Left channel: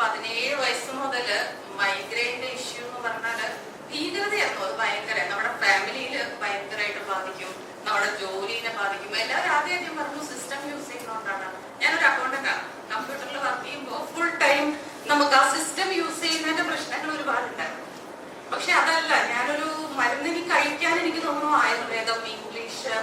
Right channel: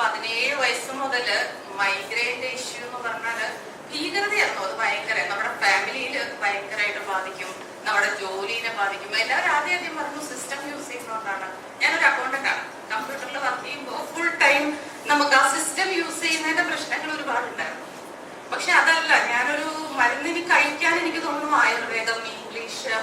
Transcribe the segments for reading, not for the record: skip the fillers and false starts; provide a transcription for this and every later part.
17 വയസ്സ് മുതൽ മൈഗ്രെയിന്റെ ഇഷ്യൂ എന്ന് പറഞ്ഞാല് ഭീകരതയായിരുന്നു. അത് ഭയങ്കര നമ്മുടെ ഫാമിലിയിൽ ഭയങ്കരമായിട്ട് ബാധിക്കും, നമ്മുടെ ജോലിനെ ബാധിക്കും. എല്ലാവരും ആദ്യം പറഞ്ഞു സിസ്റ്റം യൂസ് ചെയ്യുന്നതുകൊണ്ടാണ്. ഞാനൊരു അക്കൗണ്ടന്റാണ്. കമ്പ്യൂട്ടറിൽ വർക്ക് ചെയ്യുമ്പോൾ ഫുൾ ടൈം നമുക്ക് ആ സിസ്റ്റം യൂസ് ചെയ്യുന്നതിന്റെ പ്രശ്നങ്ങൾ ഒരുപാടുണ്ടായിരുന്നു. പക്ഷെ അതല്ല, ഞാനൊരു മരുന്നിന് കഴിക്കാൻ എനിക്ക് തോന്നുന്നു ആയുർവേദം, ഇംഗ്ലീഷ്,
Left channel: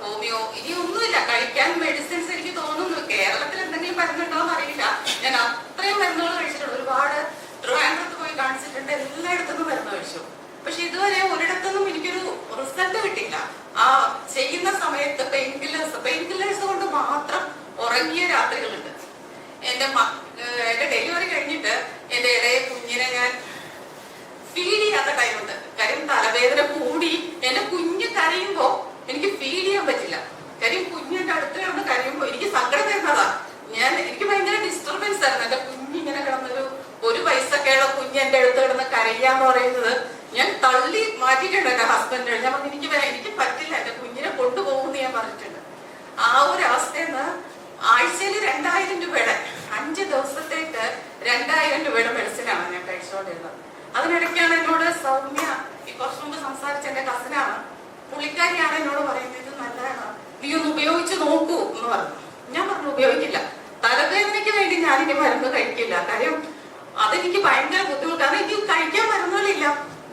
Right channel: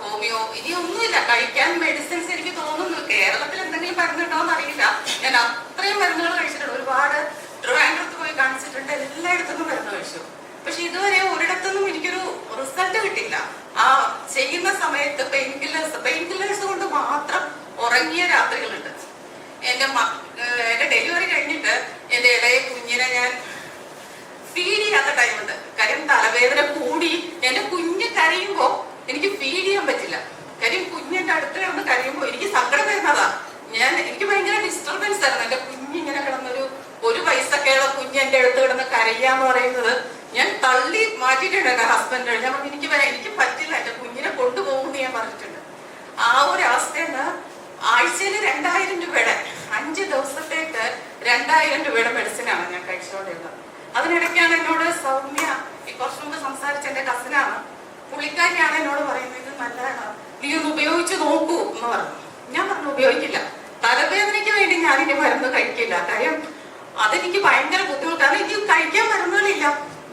ഹോമിയോ ഇനി ഒന്നുമില്ല കഴിക്കാൻ മെഡിസിൻസ്. എനിക്ക് തോന്നുന്നു കേരളത്തിൽ എന്തെങ്കിലും മരുന്നുണ്ടോ എന്ന് അറിയില്ല. ഞാൻ അത്രയും മരുന്നുകൾ കഴിച്ചിട്ടുണ്ട്. ഒരുപാട് ട്രിവാൻഡ്രത്ത് പോയി കാണിച്ചിട്ടുണ്ട്, എല്ലായിടത്തും മരുന്ന് കഴിച്ചു. പക്ഷെ ഇതുവരെ ഒരിടത്തൊന്നും എനിക്കൊരു റിസൾട്ട് കിട്ടില്ല. ആ ചെയ്യുന്ന സമയത്ത് പെയിൻ കില്ലേഴ്സ് കൊണ്ട് മാത്രം ഉറങ്ങിയ രാത്രികളുണ്ട്. എന്റെ ഡെലിവറി കഴിഞ്ഞിട്ട് എന്റെ ഇളയ കുഞ്ഞിനെ ഞാൻ ഫീഡ് ചെയ്യാത്ത ടൈമുണ്ട്. കാര്യം തലവേദന കൂടി എന്റെ കുഞ്ഞ് കരയുമ്പോ എനിക്ക് ഫീഡ് ചെയ്യാൻ പറ്റില്ല. കാര്യം കുഞ്ഞിന്റെ അടുത്ത് കിടന്ന് കരയുമ്പോ എനിക്ക് സങ്കടം വരുന്നതാ. എനിക്ക് ഭയങ്കര ഡിസ്റ്റർബൻസ് ആയിരുന്നു. എന്റെ കുഞ്ഞിങ്ങനെ കിടന്നൊരു 1 വയസ്സൊക്കെയുള്ള കുഞ്ഞ് എന്റെ അടുത്ത് കിടന്ന് കരയാന്ന് പറയുന്നത് ഞാൻ തള്ളി മാറ്റിയിട്ടുണ്ട് എന്റെ ഹസ്ബൻഡ്. ഞാൻ പറഞ്ഞു എനിക്ക് പറ്റില്ല, എന്റെ കുഞ്ഞിനെ കൊണ്ടുപോകുമെന്ന് ഞാൻ പറഞ്ഞിട്ടുണ്ട്. ആ ഒരു അവസ്ഥയെന്ന് ആഴ്ചയിൽ 2000 രൂപയുടെ 5 ദിവസത്തേക്ക് 2000 രൂപയുടെ മെഡിസിനാണ് ഞാൻ കഴിച്ചുകൊണ്ടിരുന്നത്. അതിനിടയ്ക്കാണ് എന്നോട് സൗമ്യ, കുറച്ചു മുമ്പ് സംസാരിച്ച എന്റെ കസിനാണ്, പുള്ളിക്കാരിയാണ് എന്നോട് പറയുന്നത് നല്ലതാണ്, നീ ഒന്ന് ഉപയോഗിച്ച് നോക്കൂ എന്ന് പറഞ്ഞു. ഞാൻ പറഞ്ഞു ഉപയോഗിക്കില്ല, തലവേദനയ്ക്ക് വേണ്ടി ഞാനിനി മരുന്ന് കഴിക്കില്ല. കാര്യം അതെനിക്ക് ഭയങ്കര ബുദ്ധിമുട്ടാണ്. എനിക്ക് കഴിക്കാൻ മരുന്നുകളില്ല,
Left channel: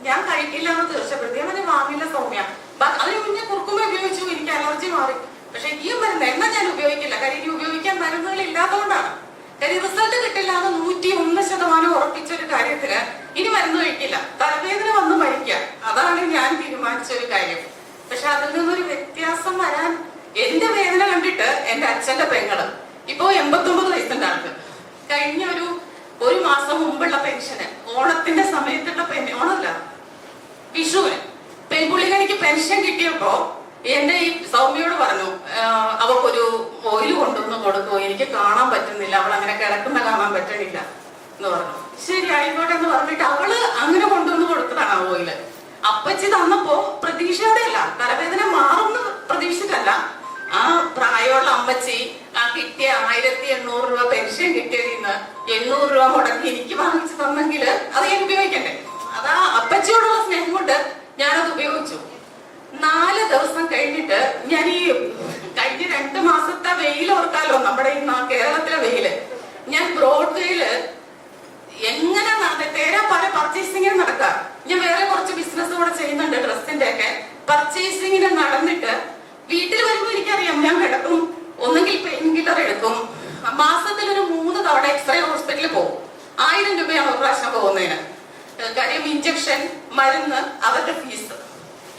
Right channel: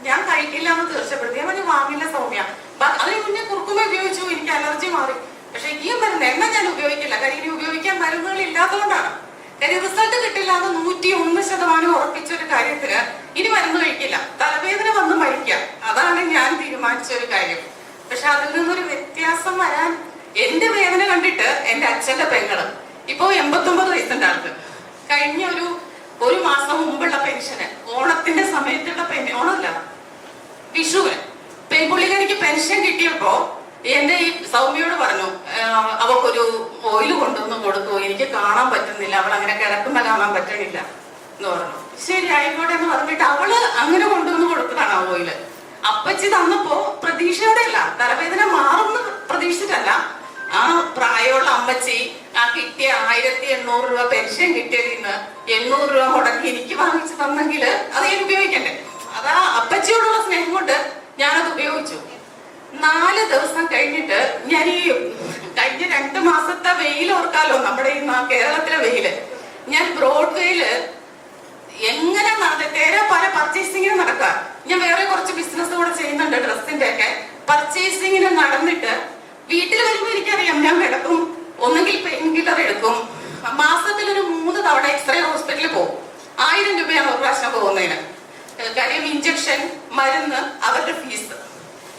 ഞാൻ കഴിക്കില്ല എന്ന് തീർച്ചപ്പെടുത്തി. ഞാൻ വാങ്ങില്ല സൗമ്യ. അതിന് മുന്നേ കുറുക്കുമ ഉപയോഗിച്ചു, എനിക്ക് അലർജി മാറി. പക്ഷെ ഈ മരുന്ന് എന്നാ ഞാൻ ഉപയോഗിക്കില്ല. കാര്യം ഇനി ഉപയോഗിക്കാൻ മരുന്നുകൾ ഇല്ലാത്തതുകൊണ്ടാണ്. കാര്യം റിസൾട്ട് കിട്ടില്ല എന്ന് 101% ഉറപ്പിച്ച ഒരു കാര്യത്തിന് ഇനി മരുന്ന് കഴിക്കില്ല. തലവേദന വന്ന് മരിക്കാം, അതാണ് ഞാൻ തീരുമാനിച്ച ഒരു കാര്യം. പക്ഷെ അതിൽ നിന്നൊരു വ്യത്യാസം വരാൻ എന്റെ വേദന കണ്ടിട്ട് എന്റെ അച്ഛന്റെ പെങ്ങള് ഇപ്പോ 89 വയസ്സിന്റെ ആൾക്ക് കഴിഞ്ഞ ഒരു മാസം മുമ്പുള്ള പെൻഷന്, ഓണത്തിന്റെ സമയത്തുള്ള ഓണമല്ല വിഷുവിന് പെൺപുള്ളിക്കാരിക്ക് പെൻഷൻ കിട്ടിയപ്പോ എന്റെ ഈ സൗമ്യയോട് പറഞ്ഞു, അവക്കൊരു ഓയിൽ കൊണ്ടുവന്ന് കൊടുക്കൂ, എനിക്ക് കാണാൻ പറ്റുന്നില്ല, അവൾ അങ്ങനെ കിടക്കുമ്പോ കാണാൻ പറ്റണില്ല എന്ന് പറഞ്ഞു. ശരി ആയിക്കോട്ടെ എന്ന് പറഞ്ഞിട്ട് അവള് അങ്ങനെ കൊണ്ടുവന്ന് കൊടുത്തതാണ് ആ ഓയില്. അപ്പച്ചി തന്നപ്പോ പ്രതീക്ഷയോടെ അല്ല, തലവേദന മാറുന്ന പ്രതീക്ഷിച്ചിട്ടല്ല. ആ പ്രായമുള്ള അമ്മച്ചി ആ കിട്ടിയ 1800 രൂപ പെൻഷൻ കിട്ടിയതിൽ നിന്ന് 800 രൂപ മുടക്കി എനിക്ക് വാങ്ങിച്ചു തന്നെങ്കിൽ അത് ഞാൻ ഉപയോഗിക്കണ്ടേ. അതാ അപ്പച്ചിയോടുള്ള സ്നേഹം കൊണ്ട് ഞാനത് ഉപയോഗിച്ചു. 4 ദിവസം കഴിഞ്ഞിട്ട് ഞാൻ ഈ കഴിഞ്ഞ 2 മാസത്തെ വെയിൽ ഓർക്കാലോ, നമ്മുടെ ഈ കേരളത്തിലെ വെയില്, ഞാൻ ബ്രോഡ്വേയില് എങ്ങനെ പല പർച്ചേസിങ്ങിന് നടക്കാം. ഞാൻ വേറെ കുറച്ച് ബിസിനസ് കൂടെ ചെയ്യുന്നുണ്ട്, ഡ്രസ്സിന്റെ ഒക്കെ പർച്ചേസിങ്ങിന് നടന്നിട്ട് വീട്ടിൽ വരുമ്പോ എനിക്കറിയാം ഞാൻ കിടക്കും, ഒന്നുകിൽ പെയിൻ കില്ലർ എടുക്കും. മാസത്തിൽ ഒരു 3 തവണ എക്സ്റേ ഹോസ്പിറ്റലിൽ പോകും. 1000 രൂപയാണ് ഒരു പ്രാവശ്യം പോകുന്നതിന്. കാര്യം ഇഞ്ചക്ഷൻ, മരുന്ന്, അവരുടെ ഫീസ്.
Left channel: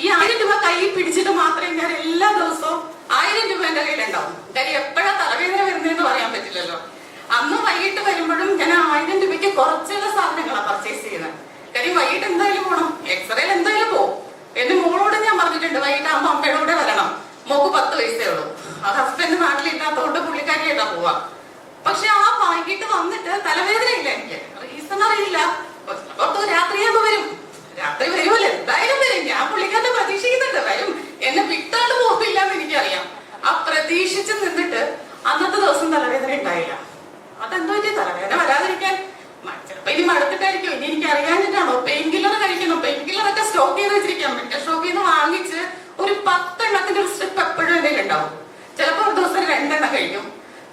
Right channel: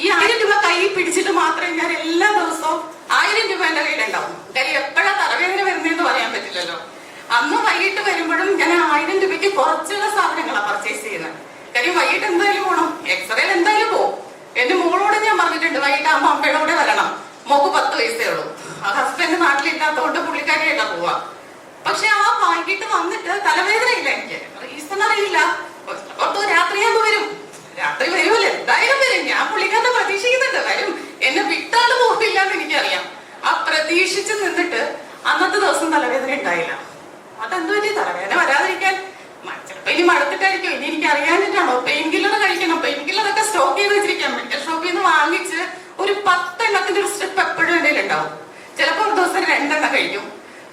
ഈ 1000 രൂപ കയ്യിൽ പിടിച്ചിട്ട് മാത്രമേ ഞാൻ എല്ലാ ദിവസവും 1000 രൂപ എന്റെ കയ്യിലുണ്ടാവും. കാര്യം എപ്പോഴാ തലവേദന വരുന്നതെന്ന് പറയാൻ പറ്റില്ലല്ലോ. അന്ന് വൈകിട്ട് വരുമ്പോഴും ഞാൻ 1000 രൂപയ്ക്ക് കുറച്ചുള്ള സാധനങ്ങളാണ് പർച്ചേസ് ചെയ്യുന്നത്. കാര്യം വൈകിട്ട് എന്തായാലും പോകണം, എക്സ്റേയിൽ എന്തായാലും പോകും. എന്റെ മോളോട് ഞാൻ പറഞ്ഞിട്ടുണ്ട് വൈകിട്ടാകുമ്പോ അമ്മയുടെ കൂടെ വരണം. മോക്ക് 10 വയസ്സേ ഉള്ളൂ. ഹസ്ബൻഡ് നാട്ടിലില്ലാത്തതുകൊണ്ട് പുള്ളിക്കാരിയായിട്ടാ പോവാ. പക്ഷെ ആ വൈകിട്ട് വന്നിട്ട് തലവേദന ഇല്ല, എനിക്ക് റീസൺ അറിയില്ല. രാത്രിയാകുമ്പോ വരും, രാത്രി വരുമല്ലോ, എന്തായാലും വരും. ഞാൻ പുള്ളിക്കാരനെ പ്രതീക്ഷിക്കുന്നുണ്ട്, വരും, എന്നെ വിട്ടാണ്ട് പോകില്ല എന്ന് എനിക്കറിയാം. ആ പ്രതീക്ഷിച്ച് നിന്നിട്ട് അന്നത്തെ ദിവസം തലവേദന ഉണ്ടായില്ല. അതെന്തോ പറ്റി തലവേദന വരാതിരിക്കാൻ? ചിലപ്പോ ഇനി മടുത്തിട്ടായിരിക്കും, ഇനി എനിക്ക് അറിയാനിട്ടാണോ? പെയിൻ കില്ലർ കഴിക്കണം, പെയിൻ കില്ലറൊക്കെ സ്റ്റോക്ക് ചെയ്ത് വെച്ചിരിക്കാം. മെഡിക്കൽ ഷോപ്പിൽ നിന്ന് വാങ്ങിച്ച് ഒരു 10 എണ്ണത്തിന്റെ ഒരു സ്ട്രിപ്പ് എപ്പോഴും എന്തെങ്കിലും ഉണ്ടാവും. ചിലപ്പോ ഒരു ദിവസം 2 എണ്ണം കഴിക്കും,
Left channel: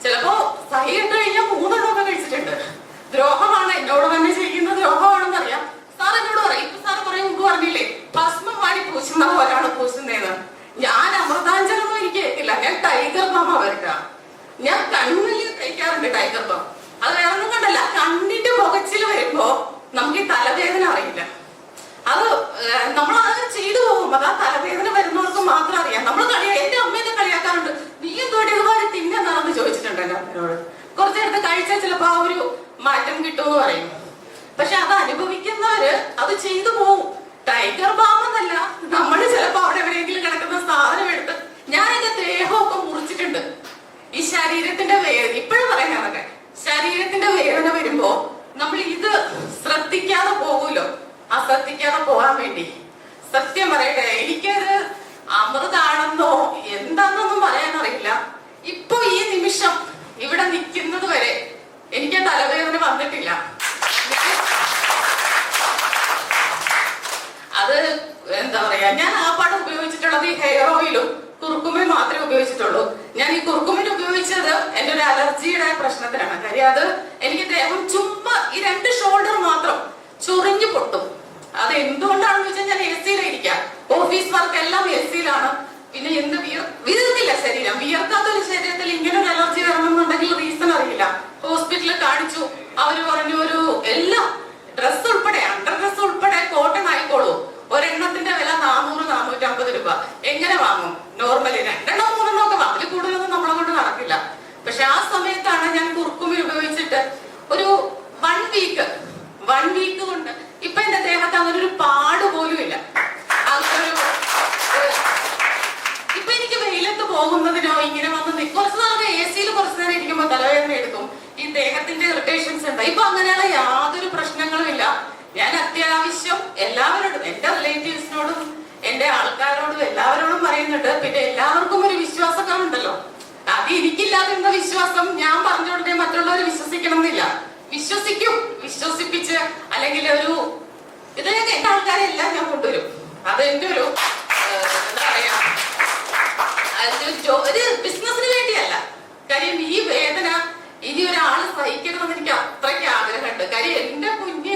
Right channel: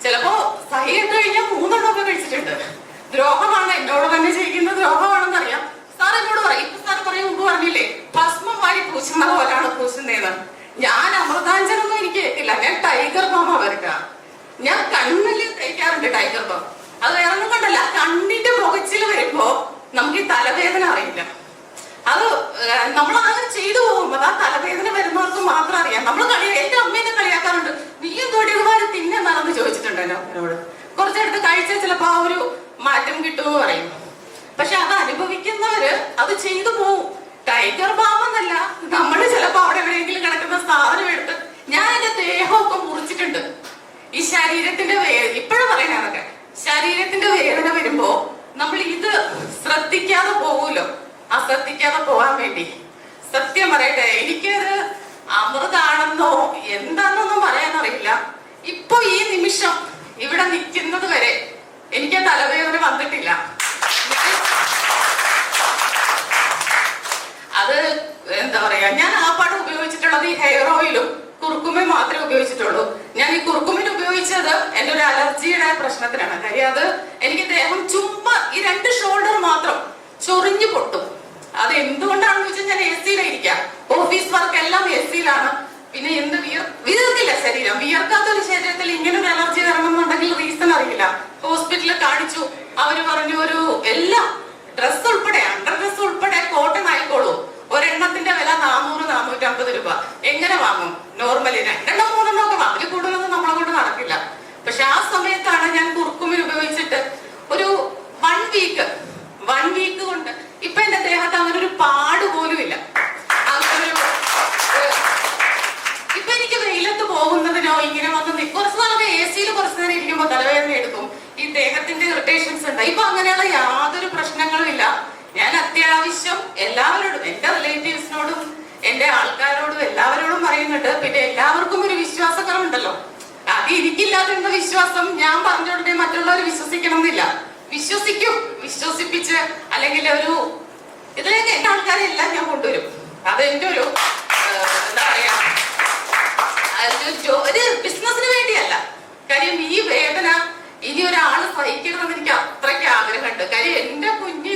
ചിലപ്പോ സഹി കഴിഞ്ഞാൽ 3 എണ്ണമൊക്കെ കഴിച്ചിട്ടുണ്ട്. ദ്രോഹമാണ്, എന്നോട് തന്നെ ചെയ്യുന്ന ദ്രോഹമാണെന്ന് അറിയാം. സാർ എന്നോട് പറയും, ഇപ്പൊ സാറ് പറയും മുമ്പ് പറഞ്ഞില്ലേ ഭസ്മം വാരി പൂശുന്നത് പോലാണ് പൂശുന്നതെന്ന്. ഞാൻ അമൃതാഞ്ജനൊന്നും എനിക്ക് കേട്ടില്ല, ഞാൻ ടൈഗർ ബാം വരയ്ക്കാം. ഞാൻ കണ്ണില് തയ്ക്കാറുണ്ട് ടൈഗർ ബാം. അത് വേറൊന്നും കണ്ടല്ല, കണ്ണിന്റെ പുകച്ചിൽ വരുമ്പോ നമുക്ക് ഈ തലവേദന അറിയില്ല. അത് നമ്മളത് ചെയ്തു പോകും. അത് ആ തലവേദന വരുന്നവർക്ക് മാത്രം അറിയാം. നമ്മൾ എന്റെ അമ്മേനെ കളിയാക്കാറുണ്ട്, നീ എന്തോടെ ഇതുപോലെ തിന്നെന്നാണെന്ന് ചോദിച്ചിട്ടുണ്ട് എന്റെ അമ്മയോട്. കുറച്ചെടുത്ത് കഴിച്ചാൽ ചിലപ്പോ ആ ഒരു മാറ്റം കിട്ടുമെന്ന് പറയും. പക്ഷെ അത് അനുഭവിക്കുന്നവര് അത് ചെയ്തു പോകും. ടൈഗർ ബാം എന്നല്ല, നമ്മള് ചിലപ്പോ അവിടെ എവിടെയെങ്കിലും കിടക്കുന്ന സാധനം എടുത്ത് ഞാൻ എന്റെ ദേഹമൊക്കെ മുറിച്ചിട്ടുണ്ട്. ഈ ശരീരത്തിന്റെ വേദന ഇപ്പോഴും പറയാനൊക്കെ, ശരീരത്തിന്റെ വേദന വരുമ്പോ നമ്മൾ ഇത് ശ്രദ്ധിക്കാതെ പോകൂലോ. ആ ശ്രദ്ധിക്കാതെ പോകാൻ വേണ്ടി സത്യം പറയട്ടെ, എനിക്കത് അമൃതാണെന്നോ എന്താണെന്നൊന്നും പറയാനറിയില്ല. ഇപ്പൊ ഈ നിമിഷം ഇവിടെ നിൽക്കുന്നത് വരെ എനിക്ക് തലവേദന വന്നിട്ടില്ല. അത് എന്താ പറയാ, ഞാൻ ആ പാട് ഉപയോഗിച്ചിട്ടുള്ളത് ഈ ഹെയർ ഓയിലും കുറുക്കുമയും മാത്രമേ ഉപയോഗിച്ചിട്ടുള്ളൂ. ഞാൻ ഈ കുറുക്കുമിന് ഉപയോഗിച്ചത് എന്റെ ഒരു അലർജിയുടെ പ്രശ്നത്തിനാണ്. കാര്യം അത് എനിക്ക് ദേഹം ചുമ്മാ ഈ 2 ഷോൾഡർ മാത്രം ചൊറിഞ്ഞു പൊട്ടും. അത് എന്തുകൊണ്ടാണെന്ന് വെച്ചാൽ ഞാൻ എ സിയിലിരിക്കാം, ഓഫീസ് വർക്ക് എല്ലാം എ സിയിലാണ്. പിന്നെ എന്ത് വീർത്തില്ല ശരീരം. വീർക്കാത്ത ഒരു ശരീരത്തിൽ ഇങ്ങനെ ഒരു അലർജി വരണമെന്നുണ്ടെങ്കിൽ റീസൺ അറിയില്ല. ഹോസ്പിറ്റലിൽ കാണിച്ചു, അവര് പറഞ്ഞു ഒരു എല്ലാം ഡ്രസ് ഉൾപ്പെടെ അണ്ടർ ഡ്രസ് ഉൾപ്പെടെ കോട്ടൺ ആയിക്കോളൂ, ഒരെണ്ണത്തിന്റെ വില 400-450 രൂപ. എങ്ങനെ വാങ്ങും? നോർമലി 2-3 ഒക്കെ വാങ്ങും, അതിൽ കൂടുതലൊന്നും നമ്മളെ കൊണ്ട് നടക്കില്ല. പക്ഷെ ആ സമയത്താണ് ഞാൻ കുർക്കുമിൻ ഉപയോഗിച്ചിട്ട് ഒരു 1 വീക്ക് കൊണ്ട് ഇപ്പൊ എന്റെ ദേഹത്ത് അങ്ങനെ ഒരു പാട് പോലും ഇല്ല. ഇപ്പൊ എനിക്ക് വെയിലത്ത് പോകുന്നതിനോ ഇങ്ങനെ വന്ന് കുറച്ച് നാളൊക്കെ എ സിയിൽ കുറച്ചു നേരം ഇരിക്കുമ്പോ തലവേദന എടുക്കും, ഈ ദേഹത്തിന്റെ ഇറിറ്റേഷൻസ് ഉണ്ട്. ഇപ്പൊ അങ്ങനെയുള്ള യാതൊരു പ്രശ്നങ്ങളും ഇല്ല. ഞാൻ അത്യാവശ്യം എല്ലാവരോടും, എന്റെ റിലേറ്റീവ്സിനോടും എന്റെ ആൾക്കാരോടും എല്ലാവരോടും പറയുന്നുണ്ട്. പിന്നെ എല്ലാവർക്കും ഒരു വിശ്വാസക്കുറവുണ്ടല്ലോ, അത് എനിക്കില്ലാതിരുന്ന വിശ്വാസം ഞാൻ പറഞ്ഞോടനെ മറ്റുള്ളവർ വിശ്വസിക്കണം എന്നില്ല. വിശ്വസിപ്പിച്ച് അല്ലെങ്കിൽ ഒരു ഇതിലേക്ക് എന്റെ ആൾക്കാരെ എല്ലാം ഞാൻ കൊണ്ടുവരും. അതെന്റെ ഒരു എന്താ പറയാ, ഒരു ബിസിനസിന് വേണ്ടിയല്ല. കാര്യം ഈ വേദന ഇനി ഒരാള് സഹിക്കണമെന്ന് എനിക്ക് അത്രയ്ക്ക് ആഗ്രഹമുണ്ട്. കാര്യം എന്റെ കുഞ്ഞ്